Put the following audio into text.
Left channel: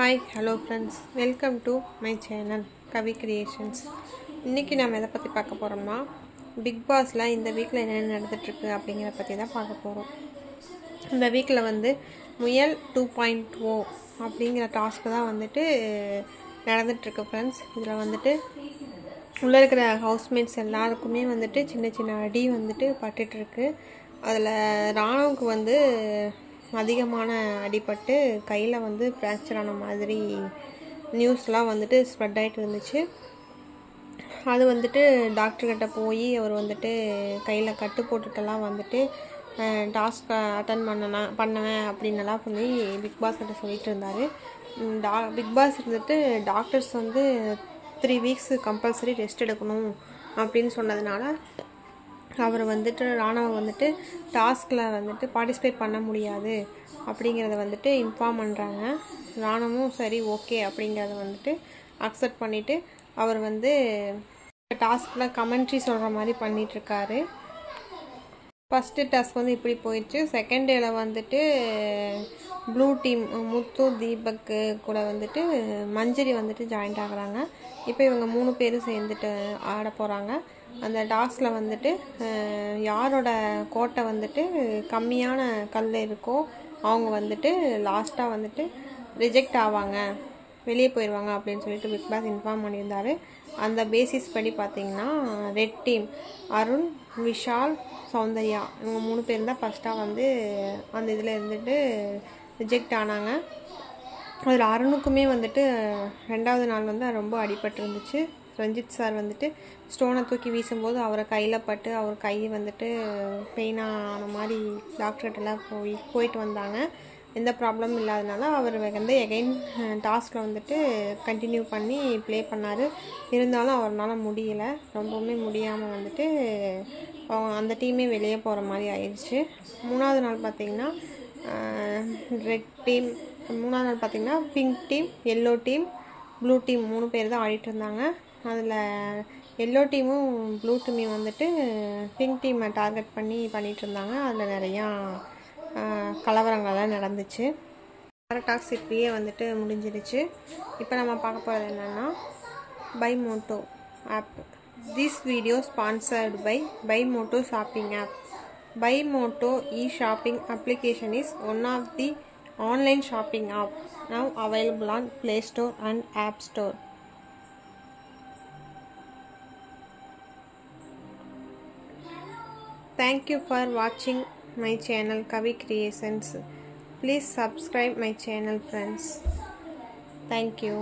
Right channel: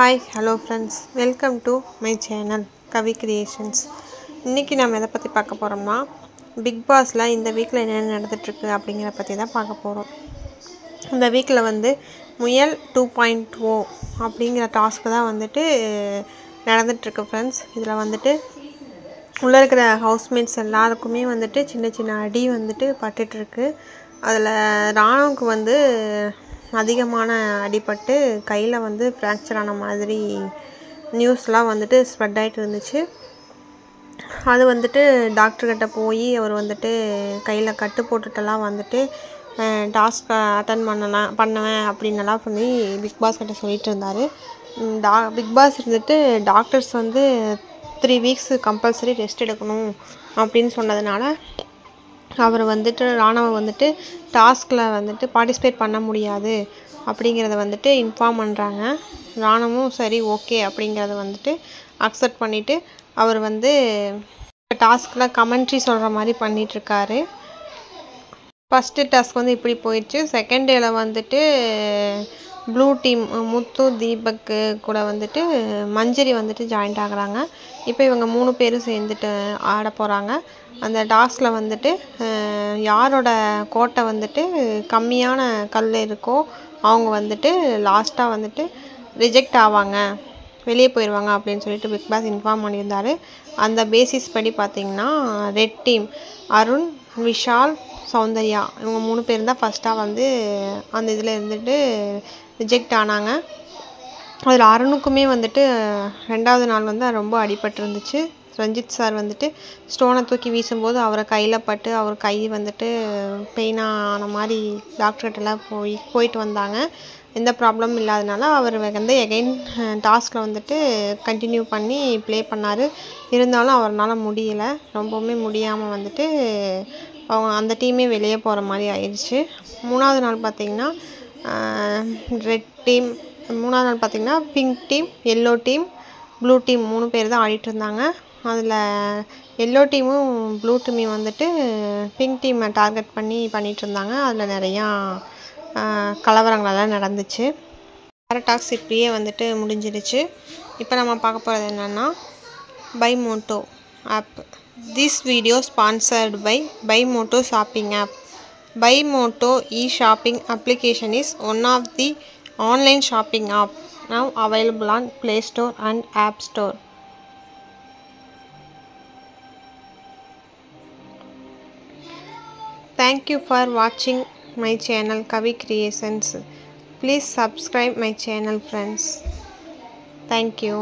Hi, hello friends. Welcome to my channel Kavi Creations. இன்னைக்கு நாம எதை பத்தி பார்க்க போறோம்னா பிக் பாஸ்ல இந்த வீக்ல என்ன நடந்துட்டு இருக்கு அப்படிங்கற பத்தி தான் பார்க்க போறோம். இந்த வீக்ல முயல் 2.0 அப்படிங்கற டாஸ்க் தான் நடந்துட்டு இருக்கு फ्रेंड्स. இதுல உள்ள இருக்கிற ஹவுஸ்மேட்ஸ் எல்லாருக்குமே சின்ன சின்ன அடி பட்டுட்டு இருக்கு. அதுல ராணுவுக்கு அதிகமான அடிபட்டு கையில ஃப்ராக்சர் ஆன மாதிரி நியூஸ்லாம் ஸ்ப்ரெட் ஆயிட்டு இருந்துச்சு. அது டாக்டர் கிட்ட போய் அவர் கையில கட்டு போட்டுட்டலாம் டாஸ்க் அட்டெண்ட் பண்ணுவேன் அப்படின்னலாம் சொல்லி பிக் பாஸ் கிட்ட சொல்லிட்டு இருந்தாரு. Big boss doctors 3 weeks compulsory rest எடுக்கணும் அப்படின்னு சொன்னதுனால அவர் ராணுவ டாஸ்க்ல பார்ட்டிசிபேட் பண்ண முடியாது அப்படிங்கறத இன்ஃபார்ம் பண்றாங்க. ராணுவும் சரி ஓகே அப்படிங்கறத அக்செப்ட் பண்ணிட்டு அவர் டாஸ்க்ல கமெண்ட்ரி சொல்ற மாதிரி பண்ணிட்டு இருக்காரு. ஃபர்ஸ்ட் டாஸ்க் இப்படி போயிடுச்சு. செகண்ட் டேல ப்ளூ டீம் முத்து தீபக் கூட மஞ்சரி ஜாயின் ஆகுறாங்க. இப்போ இவங்க 3 பேரும் சேர்ந்துட்டு ஆட போறாங்க. அந்த டாஸ்க்ல யாரோட கோட்டை கம்மியான கல் இருக்கோ அவங்க லாஸ்டா ரிஜெக்ட் ஆவாங்க, வெளியே போயிடுவாங்க அப்படின்னு சொல்லிட்டு பிக் பாஸ் இன்ஃபார்ம் பண்ணியிருந்தாரு. அந்த பேசிஸ் படி பார்த்தீங்கன்னா ரெட் டீம் அருண், விஷால், சௌந்தர்யா இவங்க 3 பேரும் தான் ஃபர்ஸ்டா அந்த இதில் ரிஜெக்ட் ஆனாங்க. அதில் அருணுக்குமே ரெண்டாவது நாள் ரொம்ப அடிபட்டு இருந்துச்சு. ரஞ்சித் சார் ஸ்டோனை தூக்கி வீசும்போது அவரை கையில் பட்டு அவர் கை பெயினான மாதிரி டாக்டர்கிட்டலாம் போயிட்டு வந்தாங்க. எந்த ப்ராப்ளமும் இல்லாதனால அவர் எகைன் டாஸ்கில் கண்டினியூ பண்ணி ப்ளே பண்ணார். இருந்தாலும் அவரால் முடியல, ரொம்பவுமே முடியாமல் அவங்க அந்த டீமே வெளியே போகிற மாதிரி ஆயிடுச்சு. மூணாவது நாள் பார்த்திங்கன்னா ரெட் டீம், மூணாவது நாள் பார்த்திங்கன்னா pink team, yellow team, blue team 3 பேர் தான் ஆடிட்டு இருந்தாங்க. அதில் எல்லோ டீமும் ப்ளூ டீமையும் பிங்க் டீமை டார்கெட் பண்ணிட்டு இருந்தாங்க. அதில் நிறையா கலவரங்களெல்லாம் நடந்துச்சு. டாஸ்க் இப்படியே முடிஞ்சிடுச்சு. இப்போ நம்ம பார்க்க போகிறது என்னென்னா Bimoto app. This video sponsored by Bimoto shopping app. Bimoto e-shopping application is one of the online shopping app now available on Play Store and App Store. Thank you for watching my channel Kavi Creations. Please subscribe my channel friends. Thank you.